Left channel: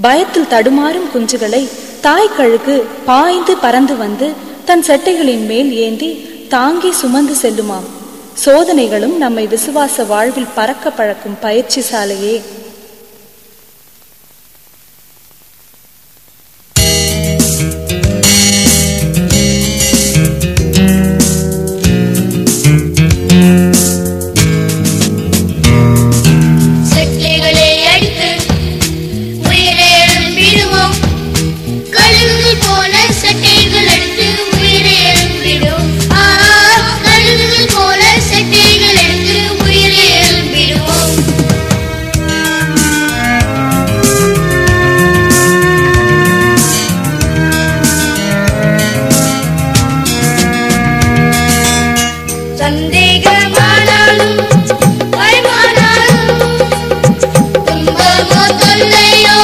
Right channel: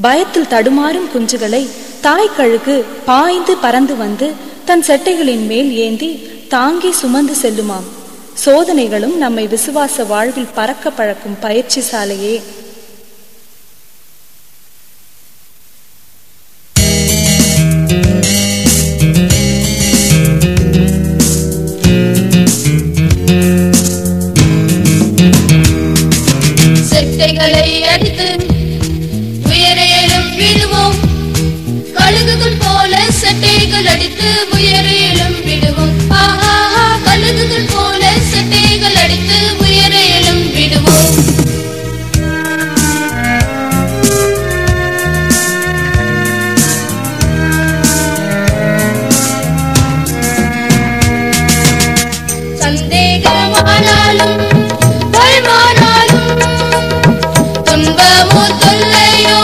பயத்தில் தடுமாறும் குஞ்சுகளை தாய் கழுகு பாய்ந்து பறந்து வந்து தன் செட்டைகளின் மேல் ஏந்தி தாங்கி சுமந்து செல்லுமாம். சோதனைகளும் நம்மை விசுவாச வாழ்வில் பறக்க பழக்கும் பயிற்சி சாலையே. சந்தேகமானாலும் துன்பமோ தொல்லையோ